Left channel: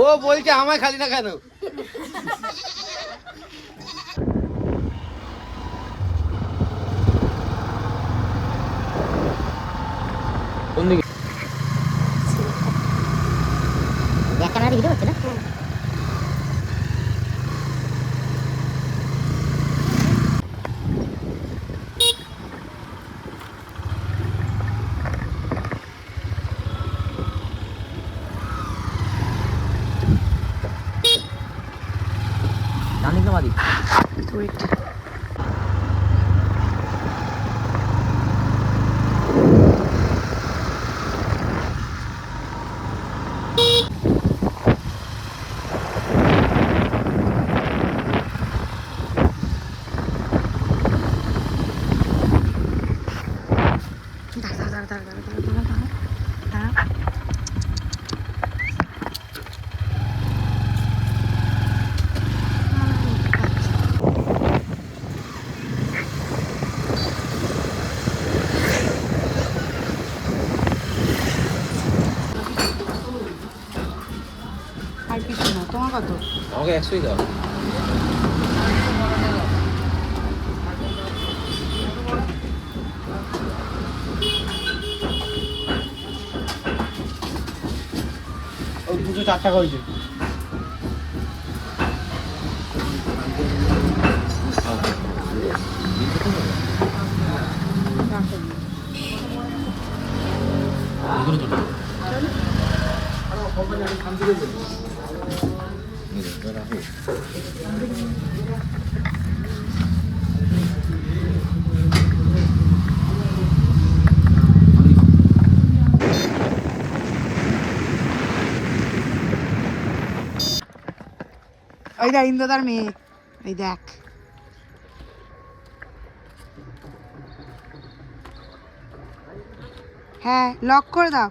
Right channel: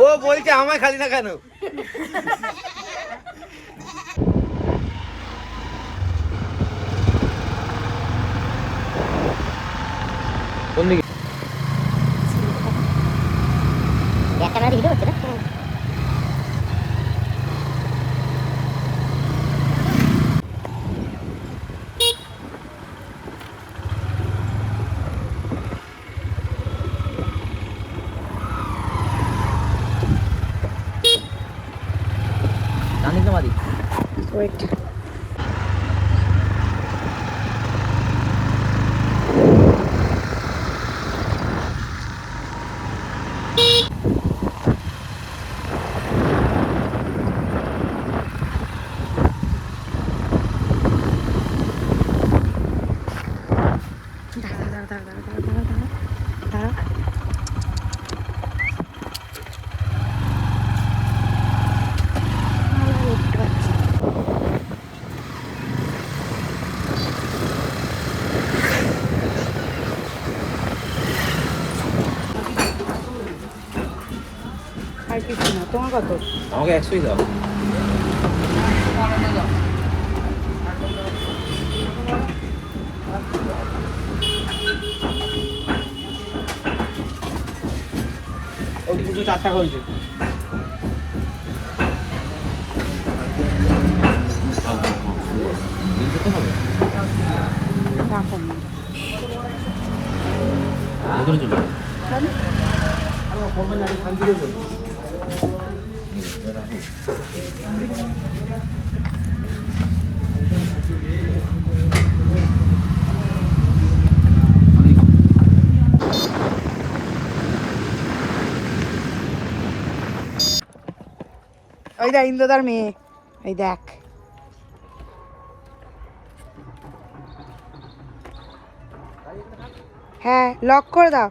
ও বলছে আমার খালি না কেন? কোন দিকে? ক্যামেরা ভিডিও হচ্ছে না? Wait. আর কিছু না, তোমার কত? আমাকে 100ই দাও। ওই কিছু 4টা করেছে। এই দেখ ইন্দ্রদার মেয়ে, এই দেখ। হ্যাঁ, লক করে দাও।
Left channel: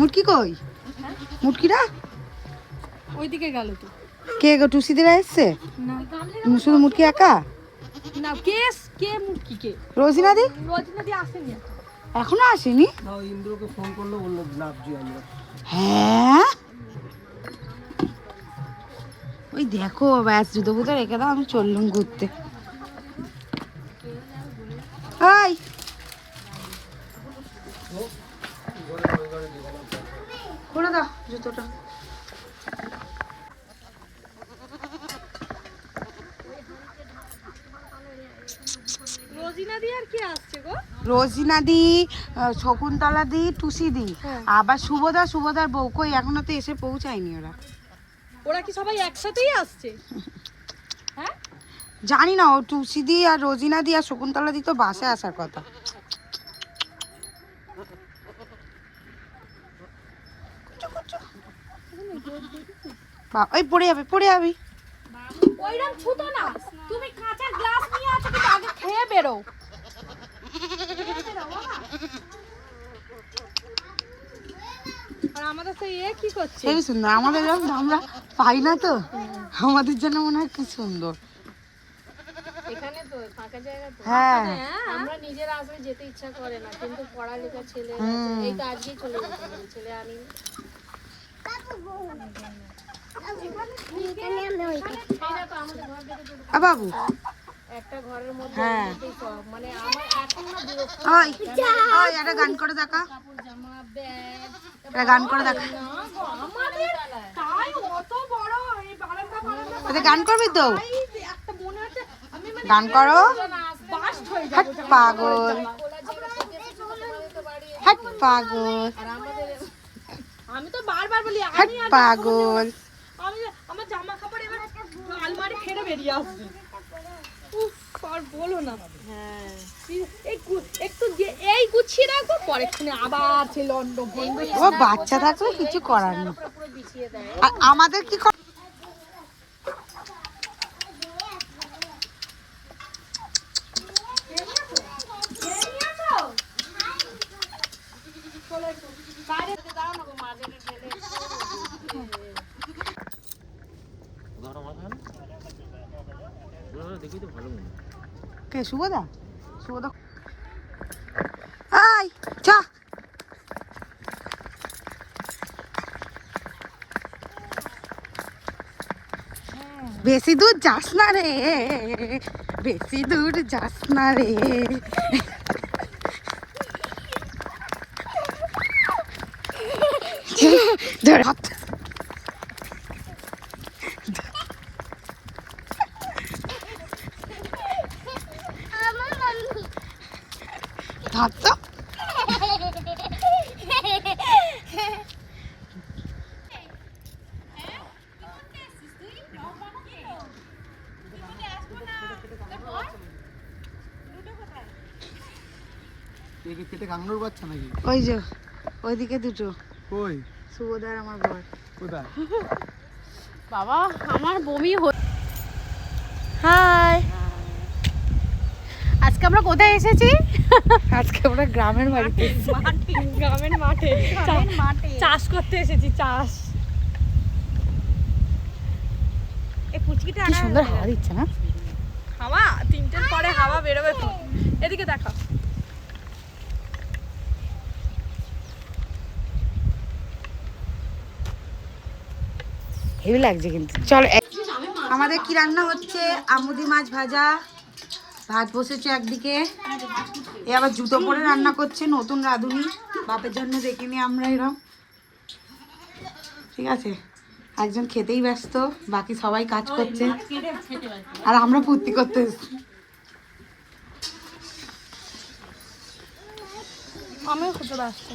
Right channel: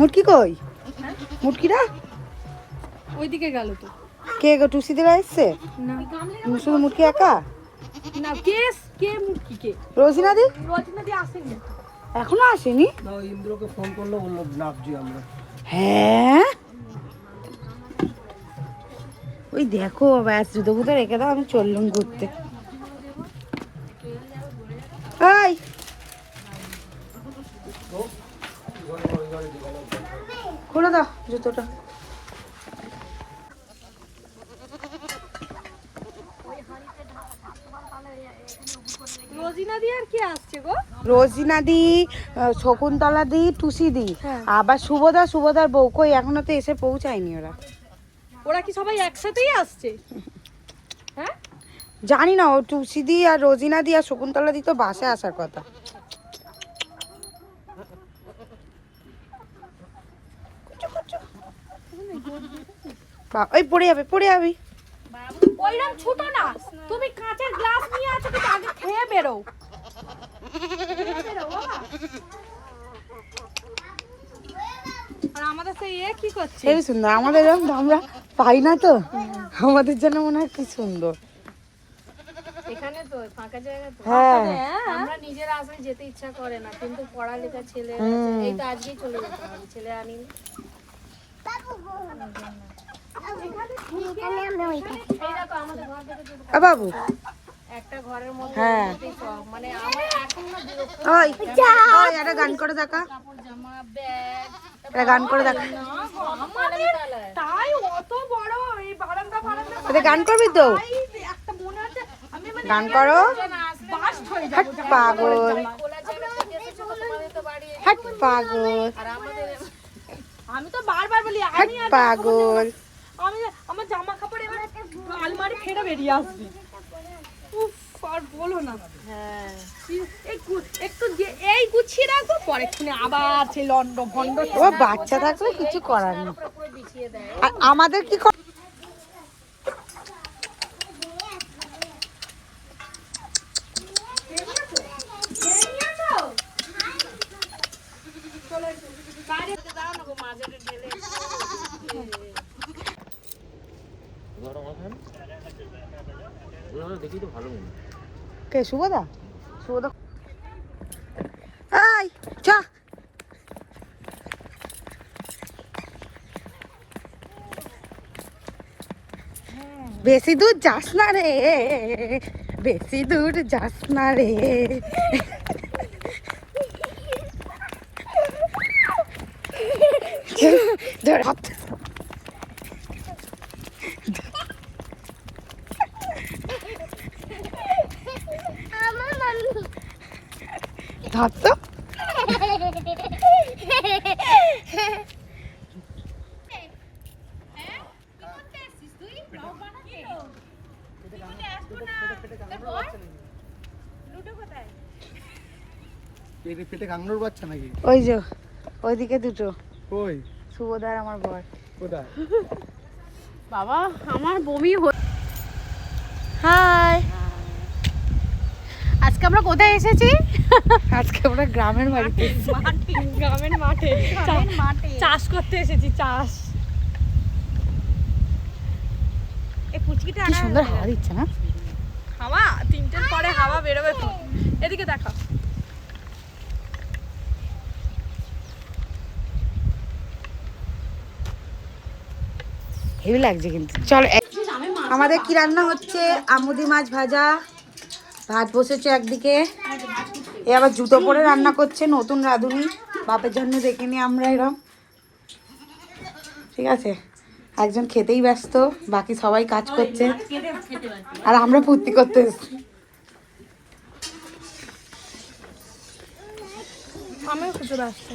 মুটকি কই? মুটকিরা ওইদিকে গেল তো। কে গো? টুসি দিরা এসছে? না শুধু মুটকি একা? না, কে মুটকি কে? রোজিনা দি আসেনি এখনো আসেনি? না, ইন্দ্রকে ফোন করলো, বললো নাপজি আমরা। হ্যাঁ, ওই দেখো ব্যাস জুতো বুতো রেখে দাও, আমি চললুম ঘুরতে। এই খুলে দাও জুতোটা। রোজিনা দি, শকুন্তলা দি, টুসি দি, আবার সুভদার বউ। কই এখনো তো এসে পৌঁছায়নি ওরা। ওরা কি সবাই একসাথেই আসছে? হ্যাঁ জানি না, ও টুসি দি আর রোজিনা দি আর শকুন্তলা দি তো বাসে আসার কথা। ওই পড়ে যাবি। ওইরকম ছোট না, তুমি কাঁচের গ্লাস নিয়ে আসো, কিন্তু আগে খেয়ে বেরো। আমাদের সেই কি করছে? সেই সুন্দর, আমাদের এরকম আমরা পাই না তো, আমাদের জন্য মনে হয় কি সুন্দর। এখানে তো ফাঁকা জায়গা তো। হ্যাঁ, আমরা নিজেরা আসলে যেতে ইচ্ছা করে না, কিন্তু পড়ালেখা ছেলে এই তো আজকেই চলে যেতে হবে, ছেলে আনি। বাবু হ্যাঁ, ওই ওই একটা গান করে দেখা, একটা গান করে দেখা। তাই অত বড় এই বারান্দা এটা গান করবি তো? গান করো। হাট পাগল, হাট পাগল, আমি তো বারবার বলি হাট পাগল। আমি আমার জামা কাপড় এবার আলমারি ছেড়ে বেরিয়ে আসবে। আর বলো না। হ্যাঁ, একটু এই গুছিয়ে রাখো, পরে আবার সেই লন্ড ভন্ড। ও বাচ্চা থাকলে কিছু করার নেই। আমাদের কি কর, কে শুভদা? শুভদা আই চ। বেশি দূর যাস না রে, বেশি দূর যাস না রে। ধর হাত। হাত তো পেটে কাংড়ুর বাচ্চা নাকি? ওই যে ওইদিকে দুটো। কই? শুভদার আমার বর। কোথায়? বাবা আমার বমি হাই, আজকে আমরা কোথায় এসেছি? আজকে আমরা গ্রামের বাড়িতে। গ্রামের মাঠে চাষ করতে এসেছি। চাষ এই পুচকিটা কি সুন্দর হাওয়া দিচ্ছে না? হাওয়া 3টের পরে হাওয়া বেরোবে তো। এদিকে দেখা। হেভি লাগছে কিন্তু। চলো আমাদের কি রান্না হচ্ছে? আমুদি মাছ ভাজা, ভাত বসেছে একদিকে, এ আবার জুতো পরে রান্না করছে নতুন রাঁধুনি। বাপের জন্য দেখিনি আমরা এরম। ঠিক আছে, একজন খেতেই ব্যস্ত, বাকি সবাই কাজ করছে আর আমরা ফুর্তি করতে এসেছি। আমি খুঁজে ব্যস্ত।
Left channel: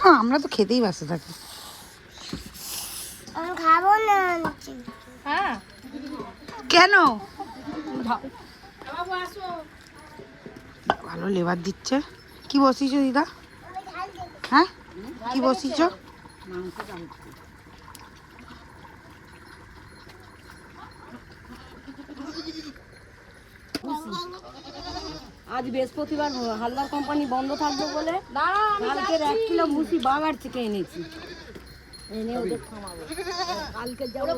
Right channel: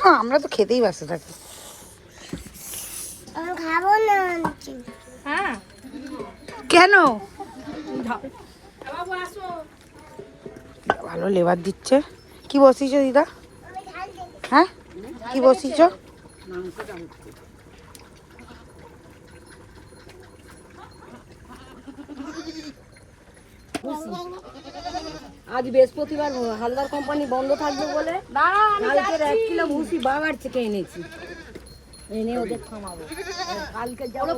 হ্যাঁ, আমরা তো খেতেই ব্যস্ত থাকি। হ্যাঁ কেন? ভালো লেবার দিচ্ছে। কি বসিয়েছ দিদা? হ্যাঁ, কি বসিয়েছ? আজ বৃহস্পতিবার হালদার কোম্পানি বন্ধ থাকবে বলে কালকের 1 কিলো ভুসি বাগার থেকে এনেছি, এনে ওদের খাওয়াবো। কালকে যাবো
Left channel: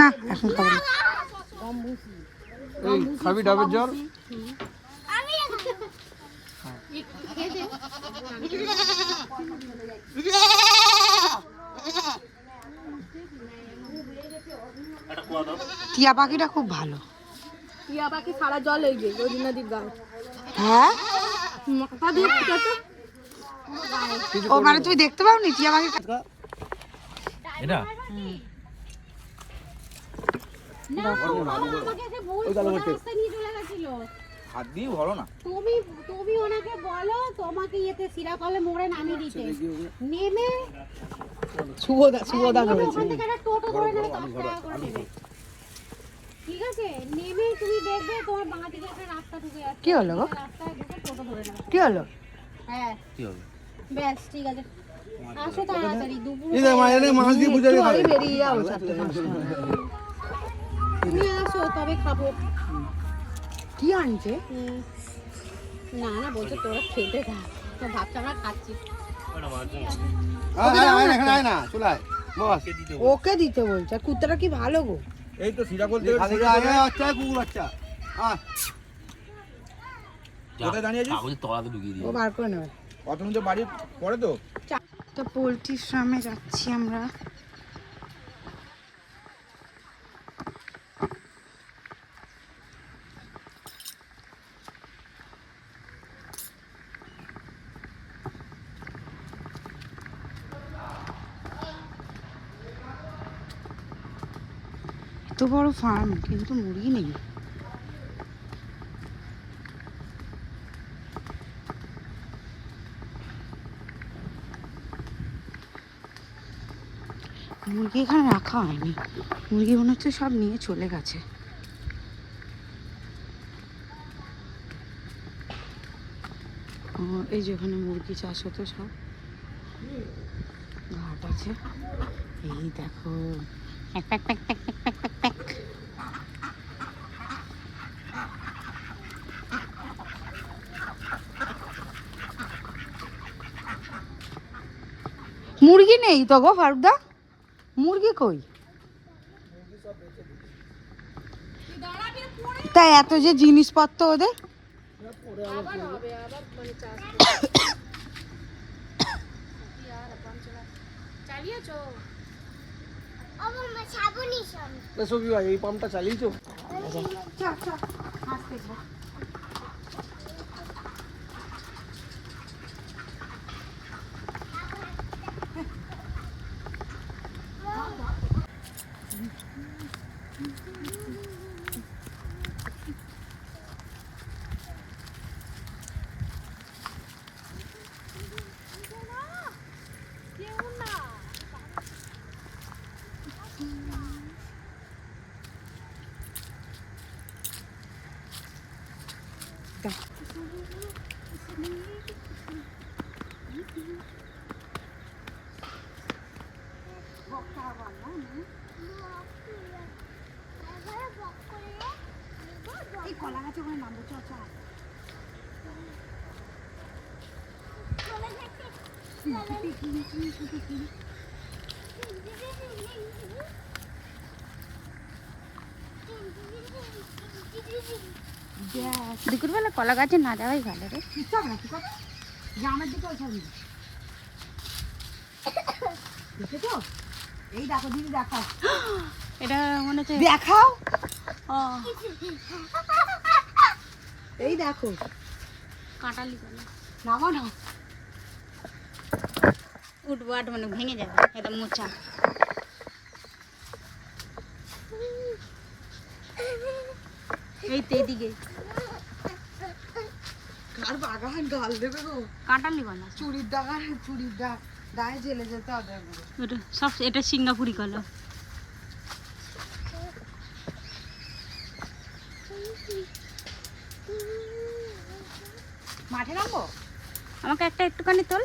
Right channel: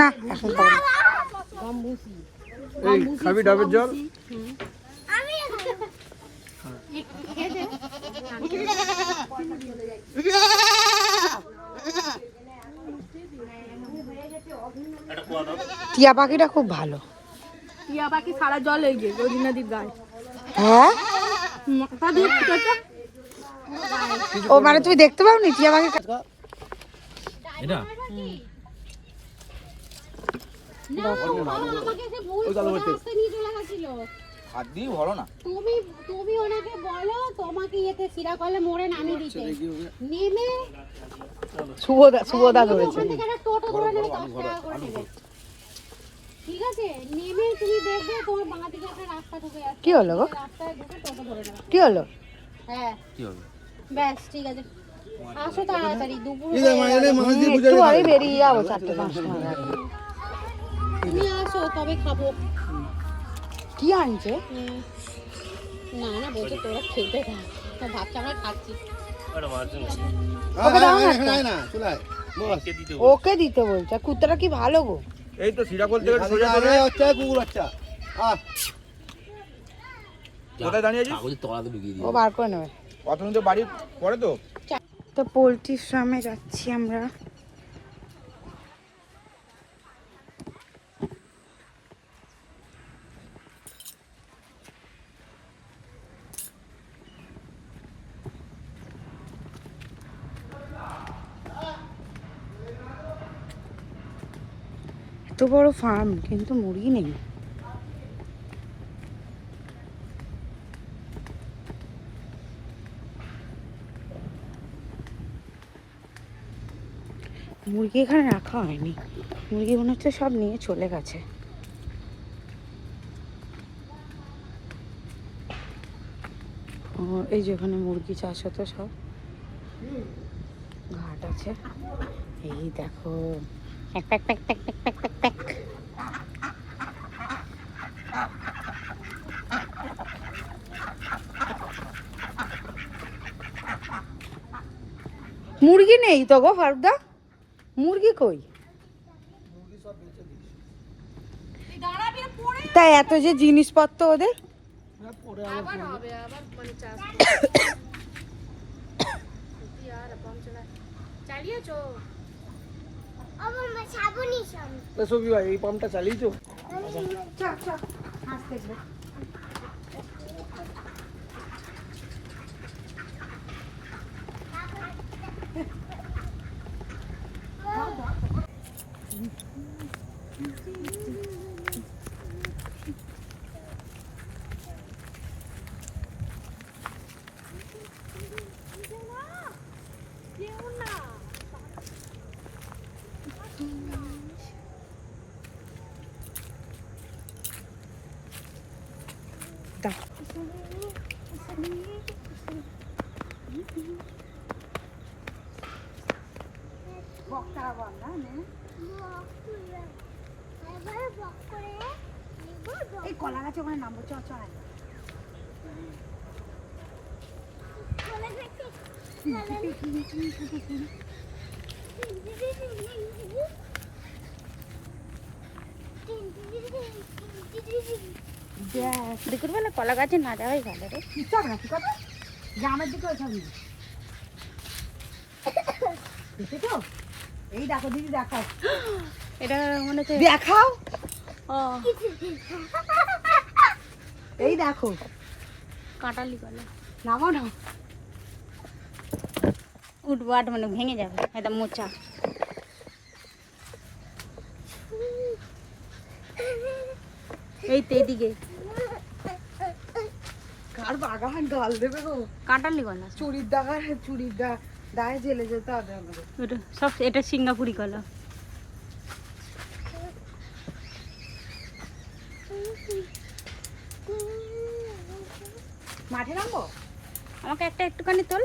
না এখন খাবো না। এই খাবি ডাবের জল? টিয়া পাখিটা খুব ভালো। টিয়া পাখি সারা জল এই যে রোজি নদীর গায়ে। হ্যাঁ, মাথা দিয়ে ঠিক আছে। ও মানে তুমি দেখতে পাওনি টিয়া পাখি? এটা হাত দিয়ে ভরো না। তুমি ওনাকে বলো তোমাকে ইয়েতে সিরাকলে মোড়ে নামিয়ে দিতে, নেমে শুভদা ধরেছে। ওখান থেকে একটা টোটো ধরে নেবে, 10 টাকা করে নেবে। ঠিক আছে, নেমে তুমি দেখবে তোমার বাঁ দিকে একটা রাস্তা ঢুকে যাচ্ছে। কি হলো গো? রাস্তায় ঢুকে টোটো ধরে নেবে। কি হলো? হ্যাঁ কি হবে? ব্যাস ঠিক আছে, আসো তাড়াতাড়ি। দুপুর মাছ দিয়ে বুঝে একটু আগে বেরিয়ে যাবো 4-5টা নাগাদ। তুমি আসো তবে খাবো। কি আনছে? না না বলছে তোরা খেতে খা, তো ভাবছি আমরা খাচ্ছি। ওকে দাও না একটা। না চলাই বস। ওকে দিতে বলছে। আর কুত্তাটা কি ভালো গো। এই তো সিরাকল থেকে সোজা করে আচ্ছা কুকুর বাচ্চা। কোথায় দাঁড়িয়ে আছিস? কাগজে তলাতে ঢুকিয়ে দিই। ও বার করে নেবে। কত মিনিট বাড়ি পরে তো? তো পোলট্রি ফার্মে যাচ্ছি আমরা। এত বড় ফার্ম কিন্তু মুরগি নেই। মুরগি এখানে রাখা হয়নি, মুরগি মনে হচ্ছে সব নিয়ে চলে গেছে। ও এই যে ওখানে মুরগি চাষ হতো সব, ঘাট আছে। এই দেখো pack pack pack pack pack pack pack pack. মুরগি নেই তো গো ফারুকদা, মুরগি কই? তাই এত যে জিনিসপত্র ওদের এই পাম্পটা চালিয়েছো? এই কলা গাছে ওখানে নামবো। চ চ দুপুরবেলা কলা গাছে না যাওয়াই ভালো রে। চল না ঠিক আছে গ্রামের দিকে ওইসব দেখেছো? এই দেখো দিদি দেখাও, এটা মনে হচ্ছে দেখাও, ও এই দেখো কাঁটালি কলা। নামাও না উঠবাট মানে ভেঙে যাবে, এটা মোচা। এই তো এদিকে কার বাগান গাল দেবে গো, কাঁটালি কলা। চুরির দাগা চুরির দায়ে জেলে যেতে হবে আমাদের। ওটা সব এটা সিঙ্গাপুরি কলা। মাঠে নামবো? আমাকে একটা একটুখানি তোল,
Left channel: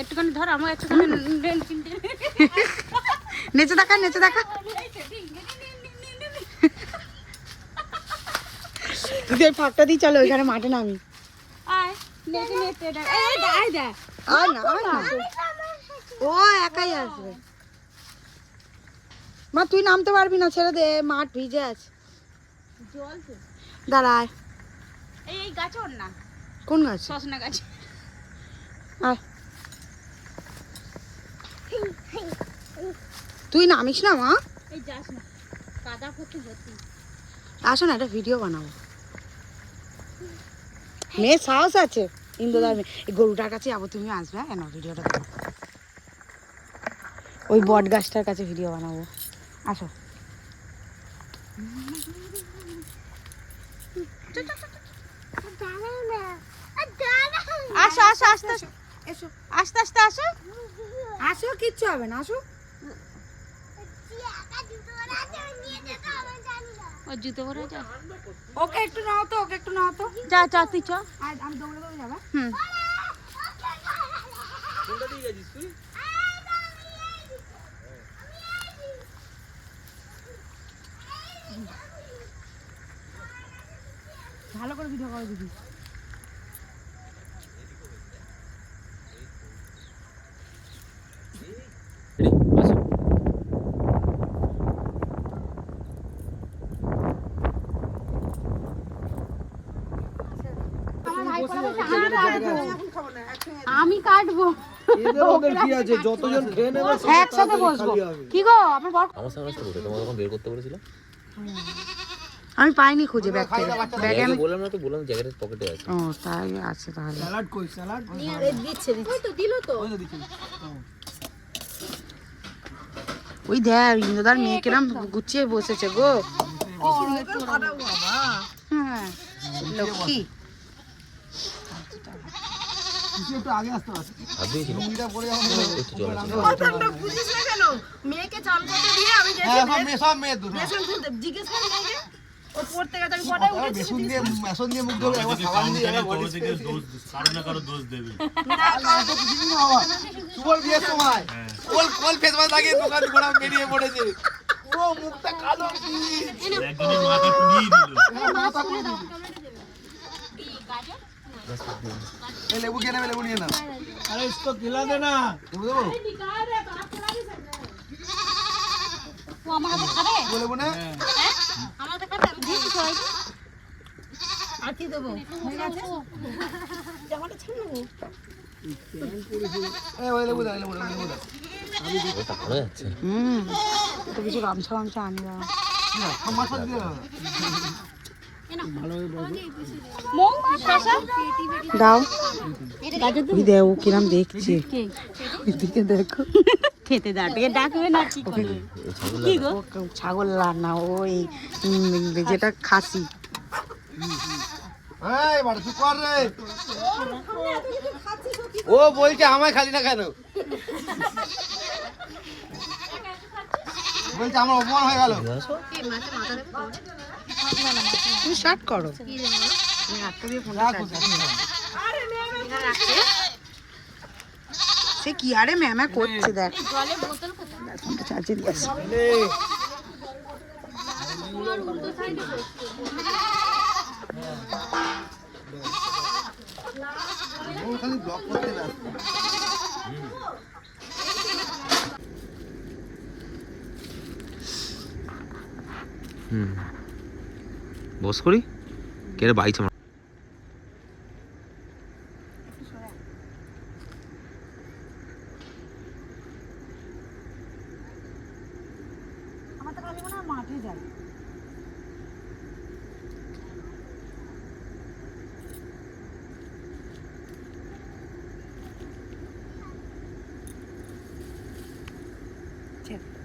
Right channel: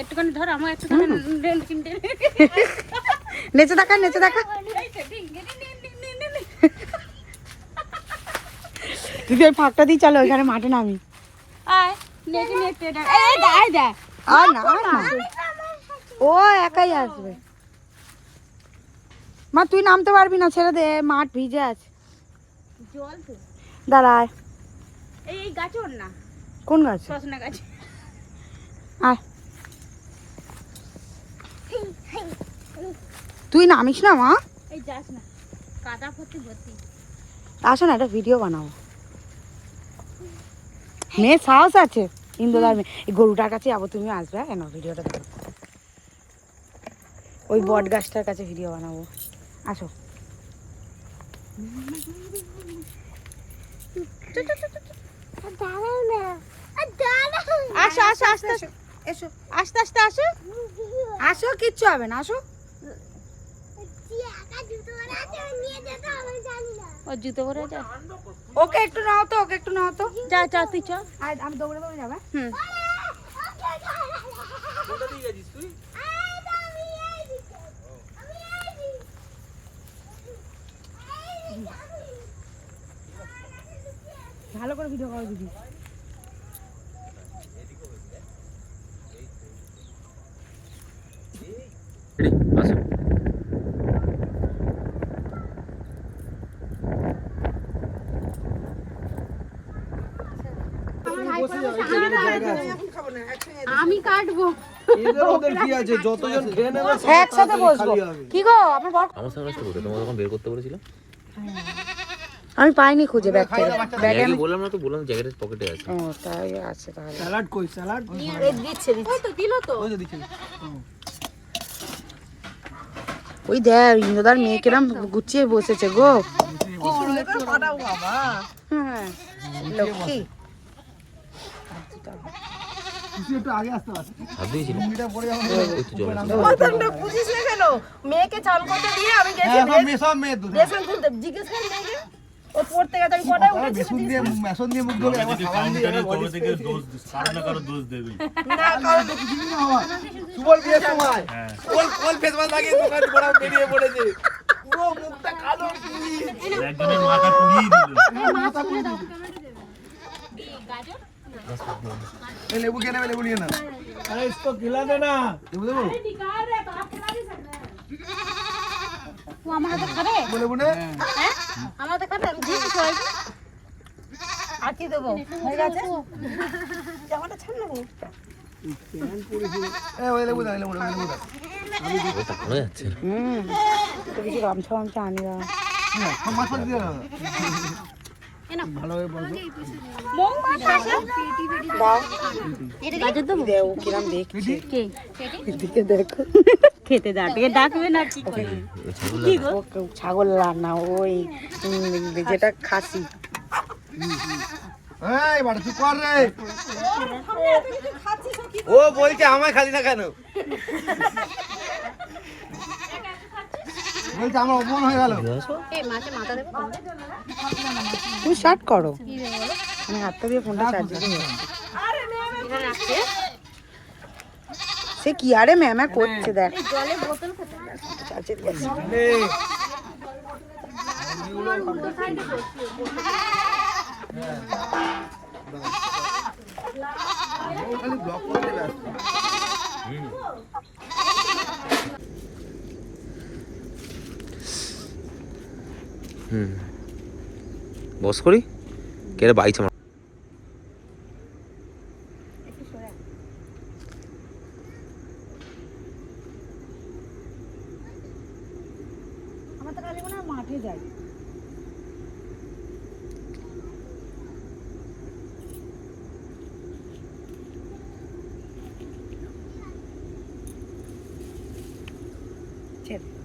একটুখানি ধর, আমার একটুখানি নেচে দেখা নেচে দেখা। তুই এই ফাঁকটা দিয়ে চলো ওইখানে মাঠে নামি। আর না আর না, ও একাই আসবে। মা তুই নামতে পারবি না, ছেড়ে দে, মাঠ ভিজে আছে। জল তো দাঁড়ায়। এই গাছ ওর না, কোন গাছ? সজনা গাছ। আয় তুই নামিস না মা, এই যাস না, কাদা করতে যাস না। আসো না একটা ভিডিও বানাবো। মেয়ে সাহস আছে, ইন্দুদার মেয়ে। এই গরুটার কাছে যাবো, তুমি আসবে কেন? ভিডিওটা দেবো ওই বট গাছটার কাছে, ভিডিও বানাবো। আসো আসো আসো আস্তে আস্তে এসো, আস্তে আস্তে আসো, আসো কিচ্ছু হবে না, আসো। ওর জুতো পরে যা, ওকে একটু নাও তো, ওকে একটু নাও তো। যা যা তুই চ। আর আমি দৌড়ে দৌড়ে যাবে। হুম ভালো করে ভিডিও করো দিদি। আমি কাটবো। একসাথে বসবো। কি গো আপনার বর? আমি পাইনি খুঁজে ব্যাগ থেকে, ব্যাগে আমি বললাম না তো, বললাম জ্যাকেটের পকেটে আছে। ও তাই আছে তাহলে। স্যালাড কই? স্যালাড দিচ্ছে দিচ্ছে তো, দিল তো। ওই তো দিচ্ছি। ওই দেখ ইন্দুদার মেয়ে কিরম গুছিয়ে বসেছে গো। হ্যাঁ লক্ষ্মী। একটু আগে আসতে পারছি। মেয়েকে চান করতে দিয়ে আমি গেছি সব মেয়ে দুটো। বেসন তুলতে, জিজ্ঞেস করে মেয়েকে ও পড়তে গেছে, আমি কটায় উঠেছি মেশন দিয়ে মুখ ধরে একবার সাবান দিয়ে না কারণ সুবল বিয়ের সময় কোন ফেস মাস্ক লাগিয়ে দোকান ঘোরা বেরিয়ে পড়েছে, পুরো মুখটা কালো কি একজনের মাথা পুড়িয়ে দিল। এই লেবু কে নেবে? লেবু নিয়ে নাও। আরে इसको खिला देना। লেবু দেবো? ও আমার হাতে খাবে? লেবু নে। হ্যাঁ আমার হাতে খাবে? আমি দিচ্ছি সবাইকে। আর কি দেবো হয়ে গেছে জামাটা ছাড় না ওই লেবু দাও লেবু দাও তো কিছু গামছা গামছা আনি দাও মাছ করে দিয়ে দাও ভালোভাবে বলবো দাও দেও কিরম দেখছে এদিকে দেখো খেতে দাঁড়িয়ে ডাকবে না কি করে ও ছাগল না ওই যেটা খাসি এই বাড়া তুই কর রে ও বলছে আমায় খালি না কেন বলছে আমার অপমান হয়ে গেল তুমি স্টার্ট করো আমি হাতটা দিয়ে ফোনটা চার্জ সে কি আরে ম্যামা করছে দেখ চার্জে দিয়েছে খালি ব্লক করতে ব্যস্ত বস করি কে রে বাইছে আমার তো খালি মনে হয় মাঠে যাই ছেড়ে